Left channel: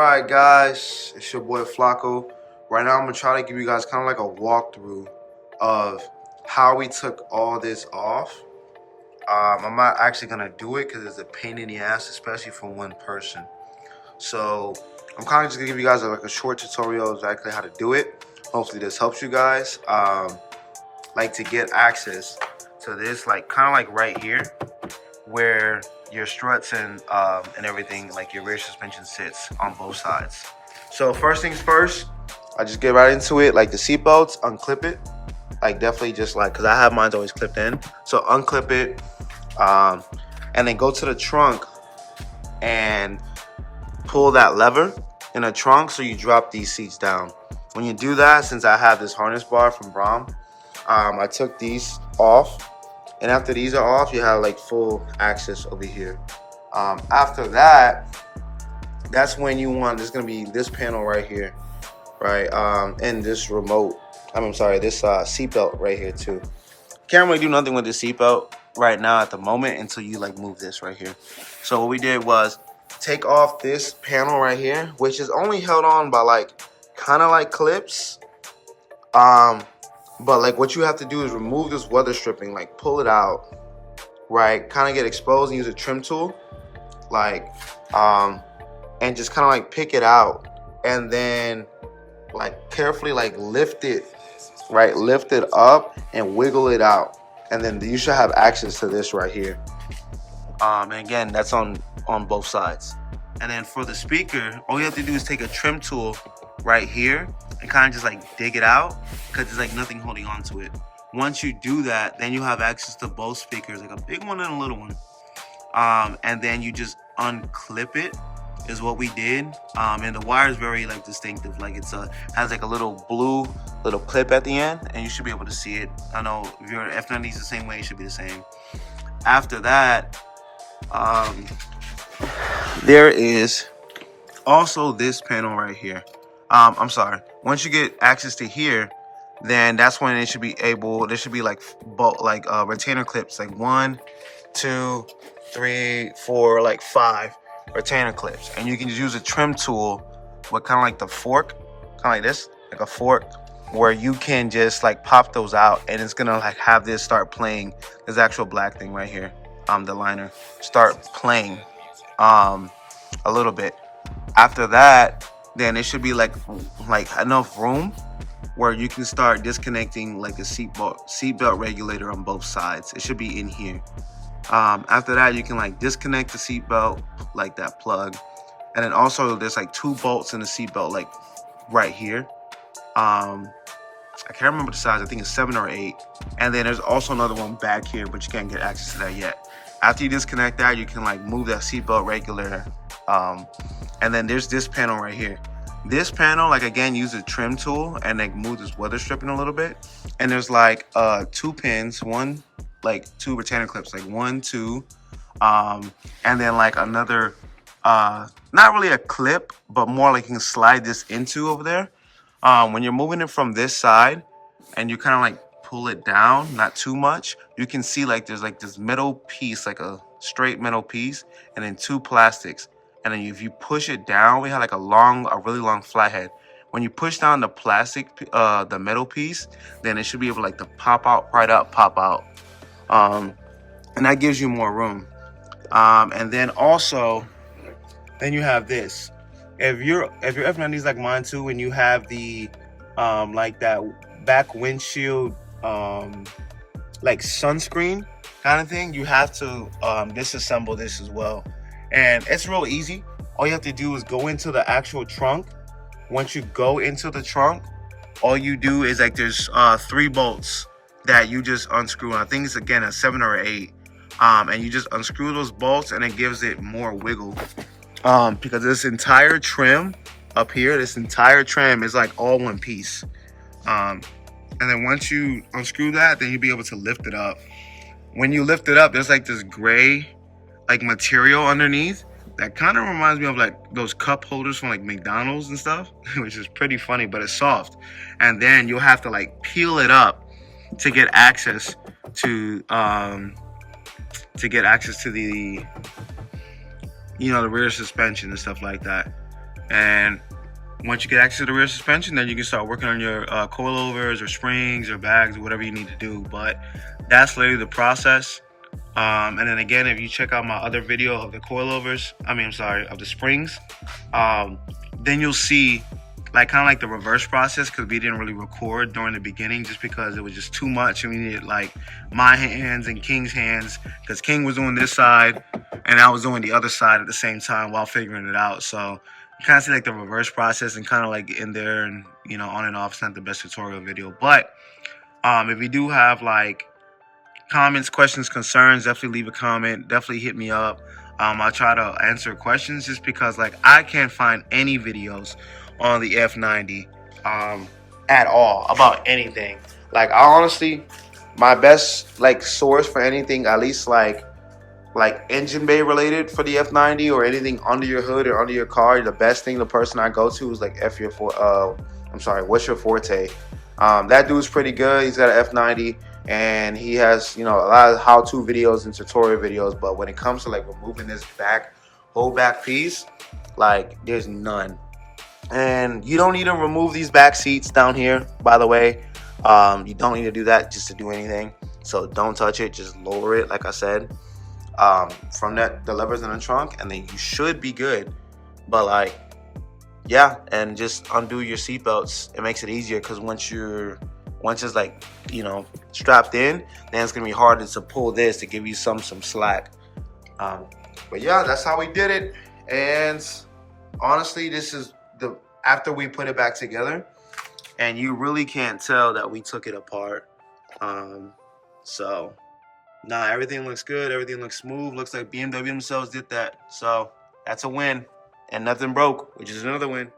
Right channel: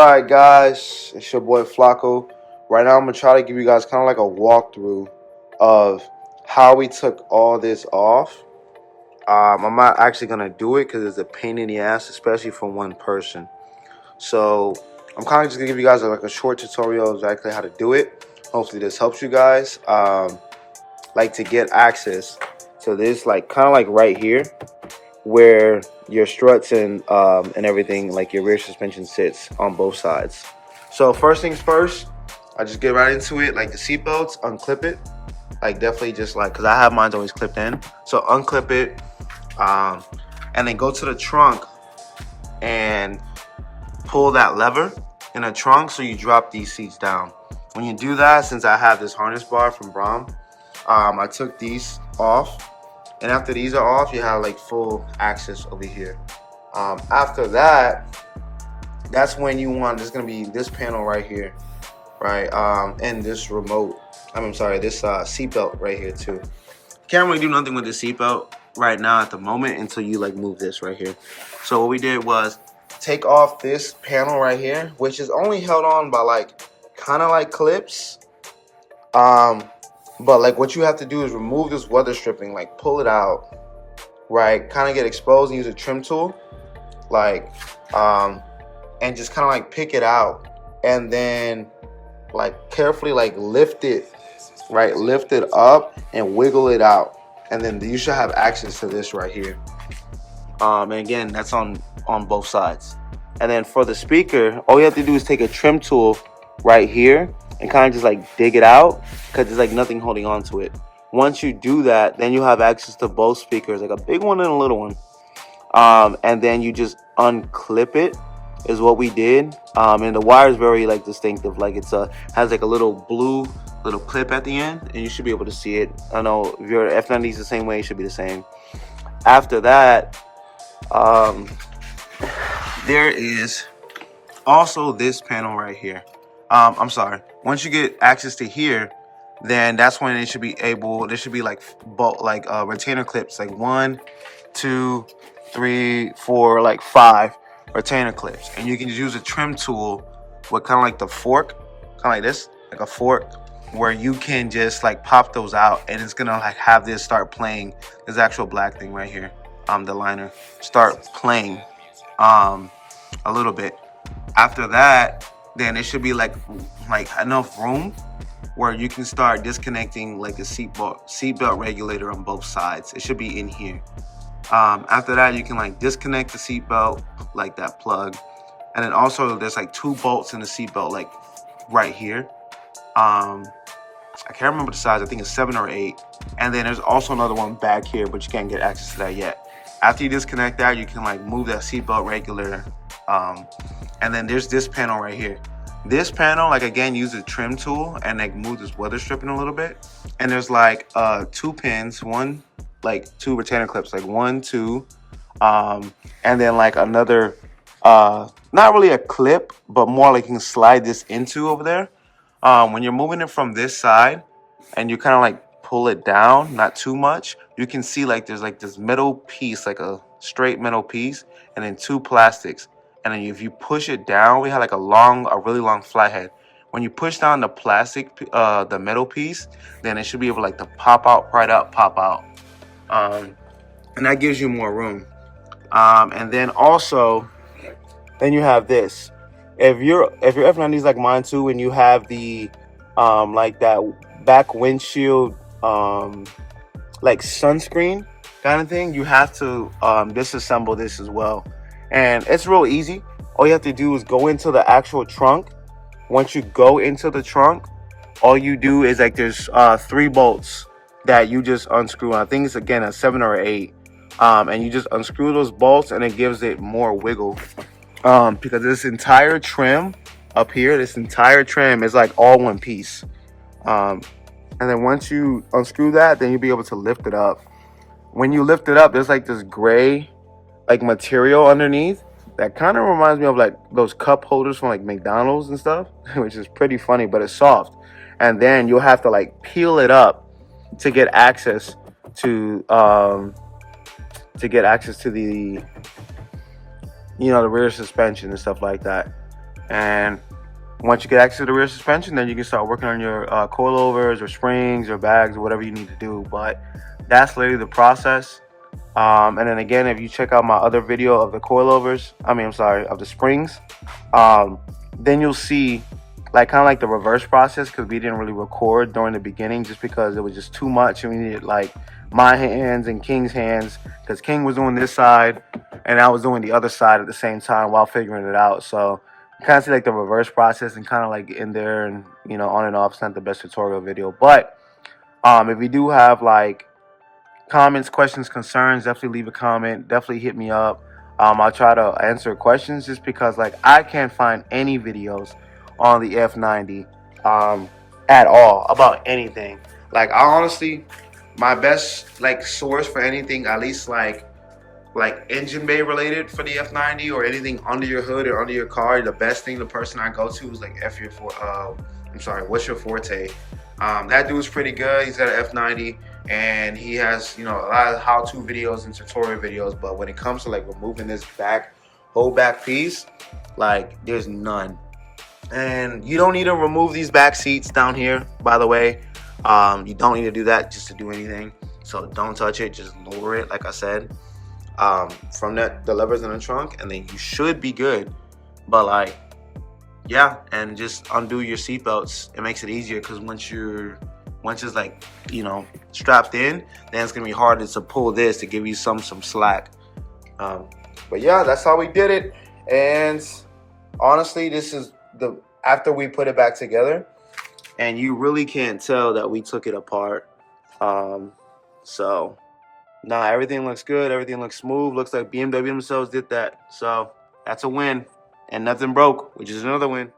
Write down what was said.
Alright guys, it's your boy Flacco. Right now I'm going to try to give you guys kind of like a walkthrough of how we took all this off. I'm not actually going to do it because it's a pain in the ass, especially for one person. So I'm kind of just going to give you guys like a short tutorial exactly how to do it. Hopefully this helps you guys. Like to get access to this, like kind of like right here, where your struts and everything, like your rear suspension, sits on both sides. So first things first, I just get right into it. Like the seat belts, unclip it. Like definitely just like, because I have mine always clipped in. So unclip it, and then go to the trunk and pull that lever in the trunk so you drop these seats down. When you do that, since I have this harness bar from Brom, I took these off. And after these are off, you have like full access over here. After that, that's when you want, there's gonna be this panel right here, right? And this remote, I'm sorry, this seatbelt right here too. Can't really do nothing with the seatbelt right now at the moment until you like move this right here. So what we did was take off this panel right here, which is only held on by like, kind of like clips. But like what you have to do is remove this weather stripping, like pull it out, right? Kind of get exposed and use a trim tool, like, and just kind of like pick it out and then like carefully like lift it, right? Lift it up and wiggle it out. And then you should have access to this right here. And again, that's on both sides. And then for the speaker, all you have to do is take a trim tool right here and kind of just like dig it out because there's like nothing holding on to it. Once you do that, then you have access to both speakers, like a big one and a little one. And then you just unclip it is what we did. And the wire is very like distinctive, like it's has like a little blue little clip at the end, and you should be able to see it. I know if your F90 is the same way, it should be the same. After that, there is also this panel right here. I'm sorry. Once you get access to here, then that's when it should be able. There should be like retainer clips, like 1, 2, 3, 4, like 5 retainer clips, and you can just use a trim tool with kind of like the fork, kind of like this, like a fork, where you can just like pop those out, and it's gonna like have this start playing. This actual black thing right here, the liner, start playing, a little bit. After that, then it should be like enough room where you can start disconnecting like a seatbelt regulator on both sides. It should be in here. After that, you can like disconnect the seatbelt, like that plug, and then also there's like 2 bolts in the seatbelt, like right here. I can't remember the size. I think it's 7 or 8. And then there's also another one back here, but you can't get access to that yet. After you disconnect that, you can like move that seatbelt regulator. And then there's this panel right here. This panel, like again, use a trim tool and like move this weather stripping a little bit. And there's like 2 pins, 2 retainer clips, like 1, 2, and then like another, not really a clip, but more like you can slide this into over there. When you're moving it from this side and you kind of like pull it down, not too much, you can see like there's like this metal piece, like a straight metal piece, and then 2 plastics. And then if you push it down, we have like a really long flathead. When you push down the plastic, the metal piece, then it should be able like to pop out, pop out. And that gives you more room. And then also, then you have this. If your F90 is like mine too, and you have the like that back windshield like sunscreen kind of thing, you have to disassemble this as well. And it's real easy. All you have to do is go into the actual trunk. Once you go into the trunk, all you do is like there's 3 bolts that you just unscrew. I think it's again a 7 or 8. And you just unscrew those bolts, and it gives it more wiggle. Because this entire trim up here, this entire trim is like all one piece. And then once you unscrew that, then you'll be able to lift it up. When you lift it up, there's like this gray like material underneath that kind of reminds me of like those cup holders from like McDonald's and stuff, which is pretty funny, but it's soft. And then you'll have to like peel it up to get access to the, you know, the rear suspension and stuff like that. And once you get access to the rear suspension, then you can start working on your coilovers or springs or bags or whatever you need to do. But that's literally the process. And then again, if you check out my other video of the coilovers, of the springs, then you'll see like kind of like the reverse process, because we didn't really record during the beginning just because it was just too much and we needed like my hands and King's hands, because King was doing this side and I was doing the other side at the same time while figuring it out. So you kind of see like the reverse process and kind of like in there and, you know, on and off. It's not the best tutorial video, but if you do have like comments, questions, concerns, definitely leave a comment. Definitely hit me up. I'll try to answer questions, just because like I can't find any videos on the F90 at all about anything. Like I honestly, my best like source for anything, at least like engine bay related for the F90 or anything under your hood or under your car, the best thing, the person I go to is like what's your forte? That dude's pretty good. He's got an F90 and he has, you know, a lot of how-to videos and tutorial videos. But when it comes to like removing this whole back piece, like there's none. And you don't need to remove these back seats down here, by the way. You don't need to do that just to do anything. So don't touch it. Just lower it, like I said. From the levers in the trunk, and then you should be good. But like, yeah, and just undo your seatbelts. It makes it easier, because once it's like, you know, strapped in, then it's gonna be harder to pull this to give you some slack. But yeah, that's how we did it. And honestly, this is after we put it back together, and you really can't tell that we took it apart. So nah, everything looks good. Everything looks smooth. Looks like BMW themselves did that. So that's a win. And nothing broke, which is another win.